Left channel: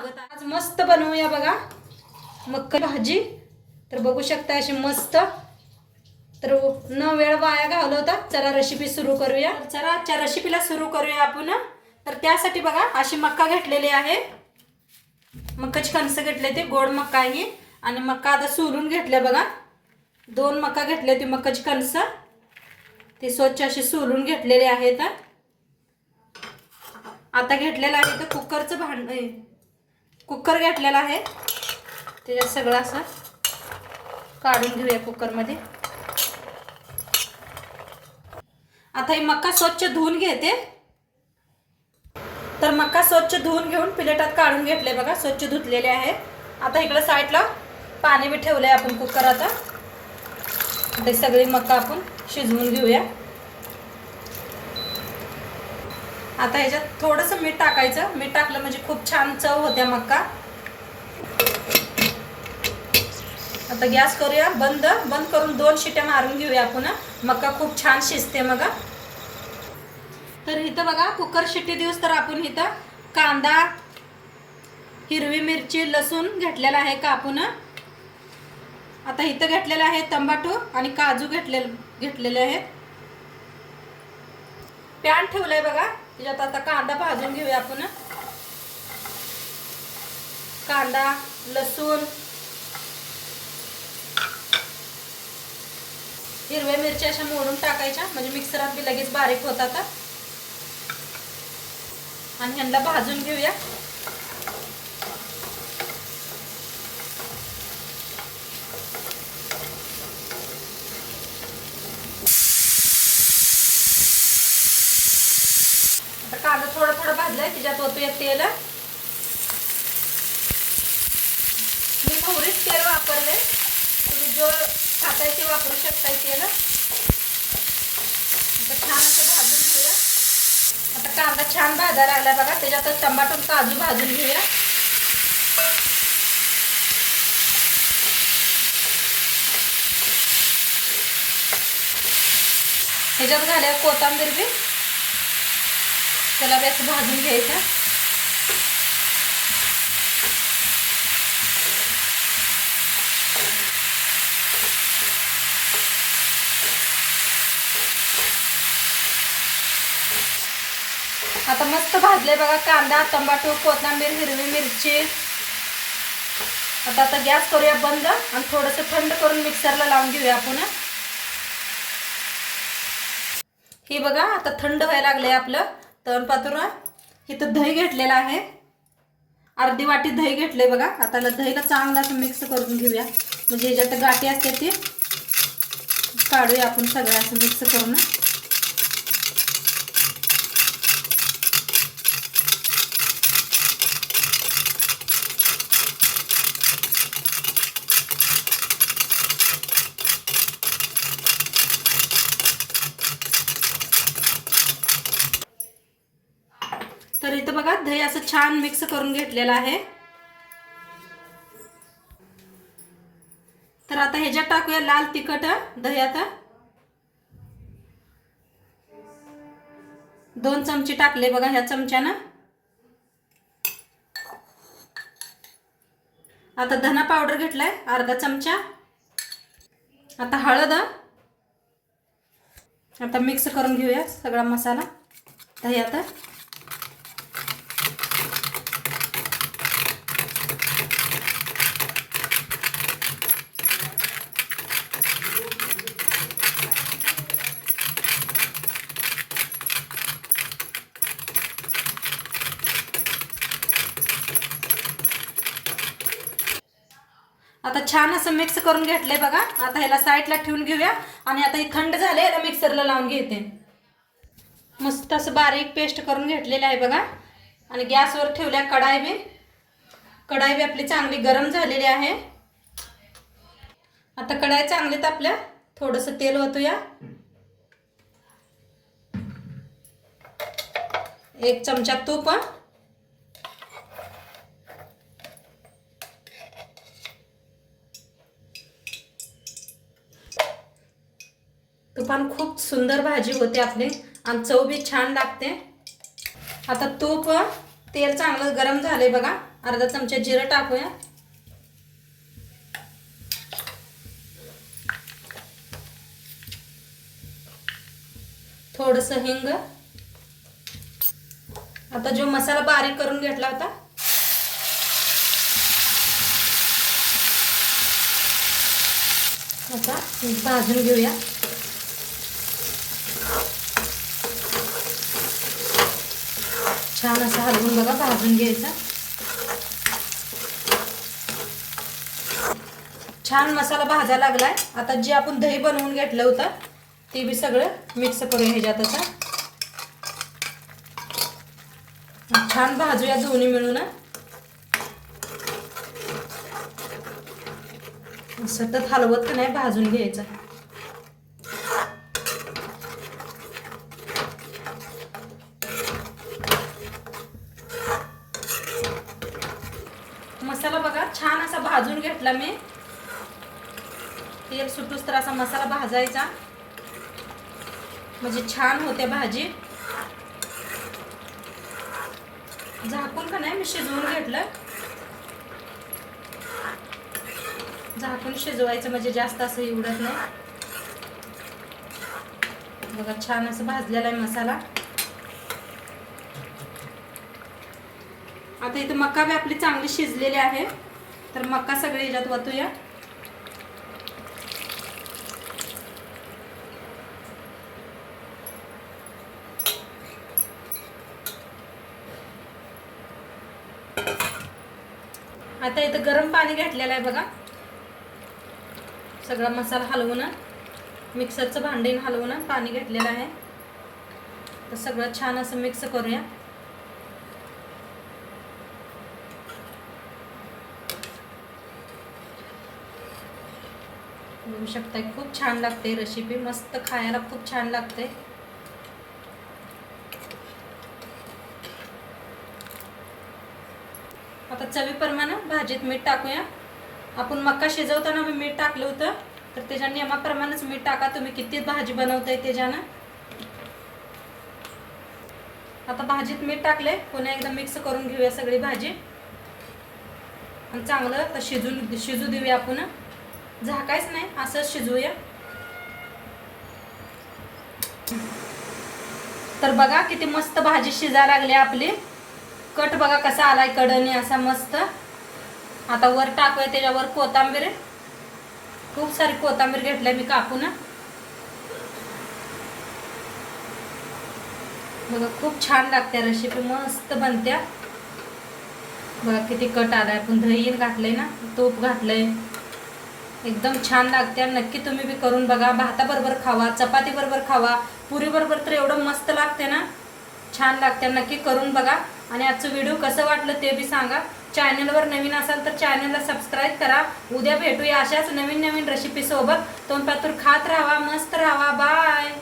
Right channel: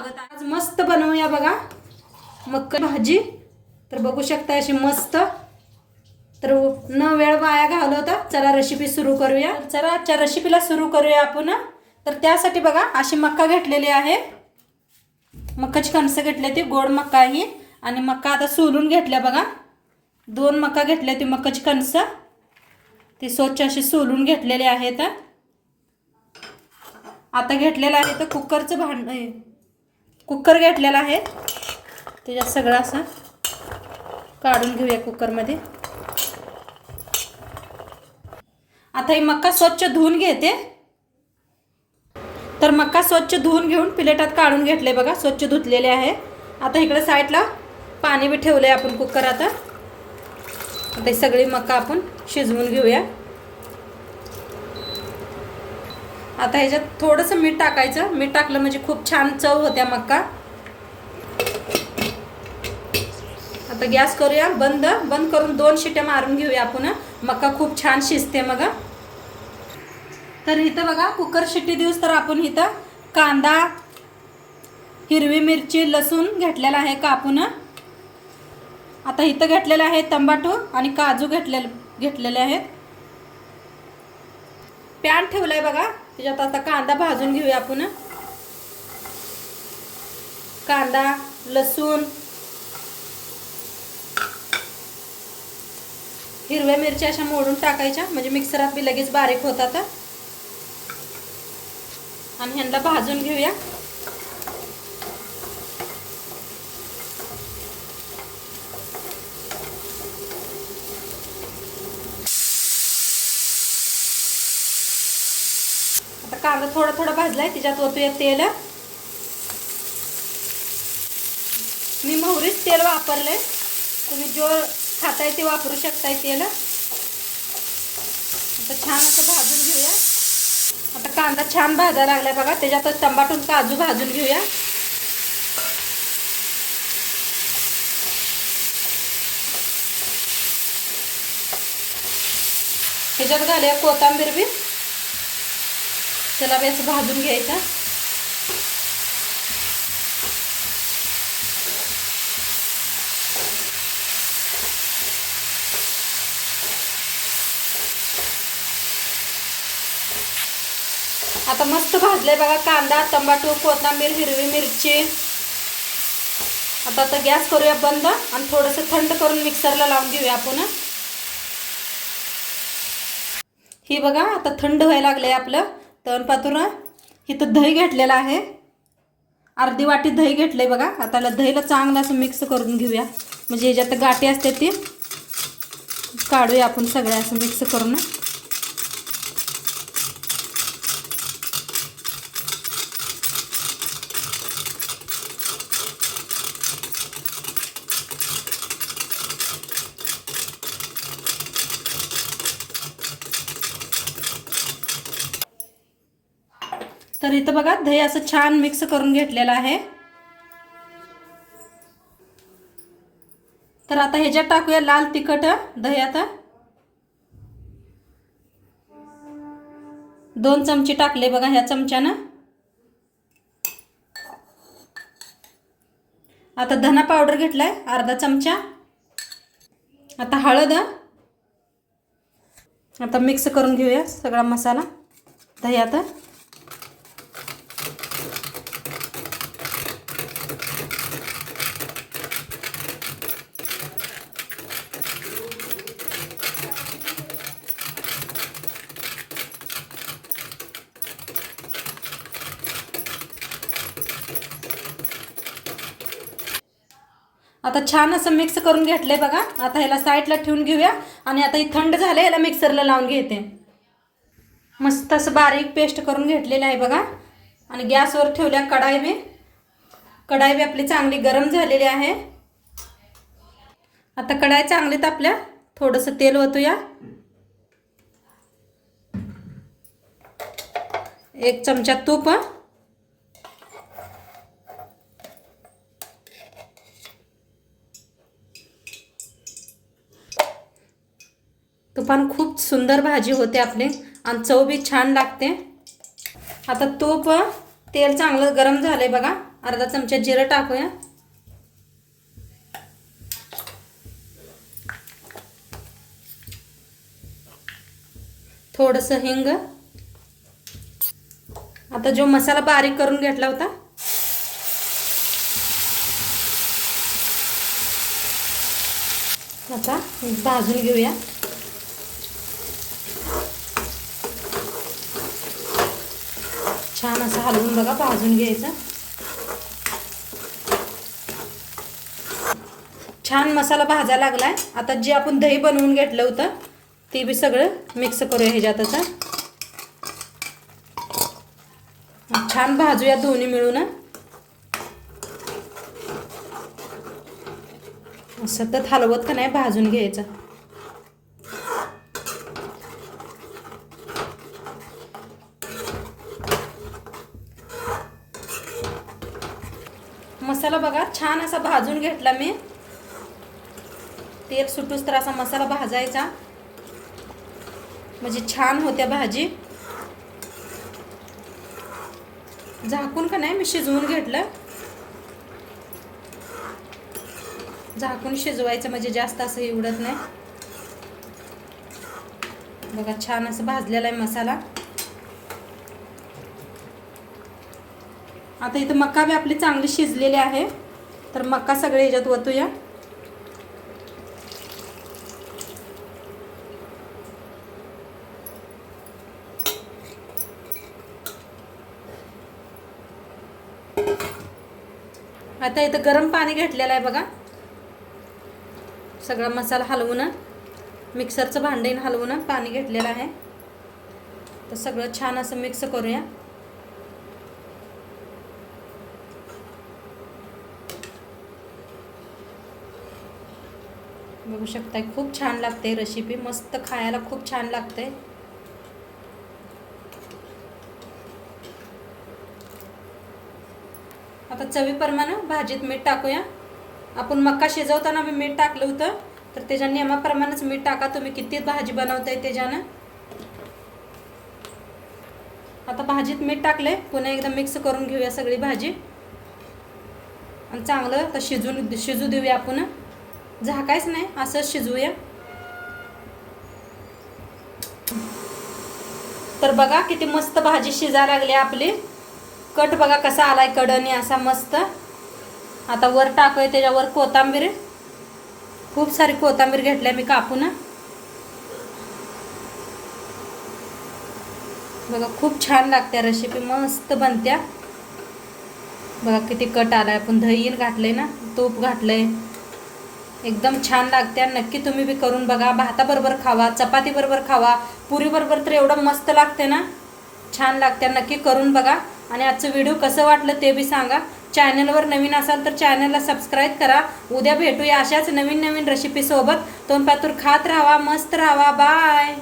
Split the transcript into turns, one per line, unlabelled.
स्वागत आहे. आज मस्त बनवूया बघा. मक्क भाजी. तर बघू शकता अशी मस्त. तर न वेळ वाया घालवता चला रेसिपी सुरू करूया. चला आजच्या रेसिपीला सुरू करूया आपण. तर त्यासाठी बघा अशी मक्का घेतलेली आहे. मक्काची कणसं घेतली ती गोड मक्का ही. आणि मक्का आता सोलून घेतल्या बघा. दोन मक्का घेतल्या ती मक्काची कणसं. ती स्वच्छ अशी सोलून घेतलेली आहेत. आता घेतलेलं आहे तर कुकरचं भांड कुकर घेतलेला आहे. त्याच्यात सगळं असं काढून घेऊया कुकरमध्ये. आता ही मक्का स्वच्छ धुवून घेते. तर मक्का स्वच्छ धुवून घेऊन प्लेटात काढून घेतले बघा स्वच्छ धुतलेले आहे. आता इकडं साईडला पाणी बी ठेवले आपण कुकर आता. सगळी मक्का आपण शिजवून घेऊया. आता ह्याच्यात थोडंसं मीठ टाकायचं. मीठ टाकलं म्हणजे खूप छान चव होत्या मक्का. आता गॅस करूया. बंद. बंद करून दोन शिट्या मारून घेऊया आपण. मक्का खूप छान शिजते मग. तर इथं बघा कुकर शिट्टी दिवस तर आपण इथं कांदा हिरवी मिरची लसूण घेतलेला आहे कापून आता इथं घेतलेलं आहे तंबाटू आणि काजू घेतलेले घेतलेले आहेत. पॅन ठेवलाय बघा. त्याच्यात आता कांदा भाजून घेऊया आपण कांदा लसूण हिरव्या मिरच्या अशा मोडून टाकायच्या म्हणजे मिक्सरात बी लगेच बारीक होतात आणि ह्यांना भाजून घेऊया. आता कांदा थोडा थोडा भाजलाय त्याच्यात ओतूया तेल. मी मोहरीच तेल वापरले तुम्ही जो खाताय ते वापरू शकताय तेल. आता छान असं भाजून घेऊया. आता कांदा छान भाजायला लागला बघा त्याच्यात टमाटून काजू भाजून घेऊया. ह्याच्यात घालूया कोथांबीर बी. चला असं भाजून घ्यायचं. आता मस्त भाजले बघा कांदा टमाटो कोथिंबीर हिरवी मिरची. आता आता गॅस करूया बंद आणि थोडंसं थंड करून मिक्सरला लावून घेऊया आपण. ही बघा आता थंड व्हायला लागलंय आपलं. तर पातुरा इथं दही घेतलेलं आहे. अर्धी वाटी दही घेतलं आहे बघा. आता दहीला चांगलं असं मिक्स करून घेऊया. म्हणजे ह्याच्यात गाठी असते ती. काढूया आपण सगळं असं मिक्स करून. तर इथं बघा दही असं छान मिक्स करून घेतलेलं आहे. तर आता ह्याच्यात टाकूया लाल तिखट दही आता. दोन चमचे टाकले बघा ह्या चमच्यानं. आता धना पावडर घेतलाय अर्धा चमचा. आता हळद. आता मिक्स करून घेऊया सगळा मसाला. दही आता. आता छान असं मिक्स करून घेतलंय बघा. आता ह्याला साईडला ठेवून घेऊया. आणि आता हे थंड झालं ह्याला मिक्सरला लावून घेते. मस्त असं बारीक पेस्ट करून घेतलेलं आहे बघा. आणि गॅसवर ठेवल्या कढाई बी. कढाई बी आपली चांगली गरम झालेली आहे. आता कढाई चांगली तापल्या थोडंसं तेल ओतूया. एक चमचा तूप हं. तुपान खूप सुंदर भाजी होते आपली. आणि चव बी छान लागते. आता तूप तेल चांगलं गरम झालं आहे बघा. अर्धा चमचा जिरं टाकूया. थोडस हिंग. आता जो मसाला बारीक करून घेतला होता. आता भाजून घेऊया. छान असं हलवून बघा भाजून घ्यायचं. छान मसाला भाजा लागलाय. आता जे आपण दही बनवून घेतलं होतं ते बी सगळं मिक्स करूया ह्याच्यात आता. छान भाजूया दोन्ही मिळून. सतत हलवत का नाही भाजून घ्यायचं मसाला बघा छान असा भाजून घेतला मी तेल सुटूस तर असा मसाला भाजायचा. म्हणजे छान होत्या भाजी. झाकून का नाही मी शिजवून घेतलं. झाकून शिजवायचं म्हणजे जास्त असं एवढत नाही. बघा छान असं भाजलेला आहे मसाला. आता इथं मका बी आपली चांगली शिजलेली आहे. तर मका सगळे याच्यात ओतूया आता इथं गरम पाणी घेतलेलं आहे बघा. सगळा मसाला हलवून मिक्सरचं भांडेन हलवून पाणी घेतलेलं आहे. तर सगळं छान असं मिक्स करूया. बघू शकताय खूप छान लागते रेसिपी मस्त खायला खूप छान लागते आता चवीप्रमाणे भाजीत मीठ टाकूया. आपण मका शिजवताना मी मीठ टाकलं होतं तर त्याच्या नियमाप्रमाणेच मीठ टाका तुम्ही. किती भाजी बनवताय त्याच्यानं. आता भाजीत मीठ टाकले पुन्हा एकदा मिक्स करून घेऊया सगळी भाजी. आणि चांगलं तर शिजून शिजू देऊया आपण. झाकायच नाही असंच शिजवूया तर बघा किती मस्त भाजी शिजा लागली आपली. कट बघा कसा आलाय कडने असा मस्त. आता वर टाकूया त्याच्यावर कोथंबीर. खूप सारी कोथंबीर घेतली मी कापून. बघा खूप छान लागत्या रेसिपी मस्त बनत्या. बघा किती कट आलाय पण दही घातलंय ना तूप घातलंय. एकदम छान लागत्या नक्की तुम्ही बी करून बघा. भाताबरोबर खावा चपाती बरोबर खावा पुरी बरोबर तर एवढं मस्त लागते ना. छान लागत्या नक्की करून बघा. आणि आजचं व्हिडिओ कसं वाटलं ते बी सांगा. चॅनलवर नवीन असाल तर चॅनलला सबस्क्राईब करा. उद्या भेटूया अशाच नवीन नवीन रेसिपी सोबत. तोंड पातूर खात राहावा मस्त राहावा बाय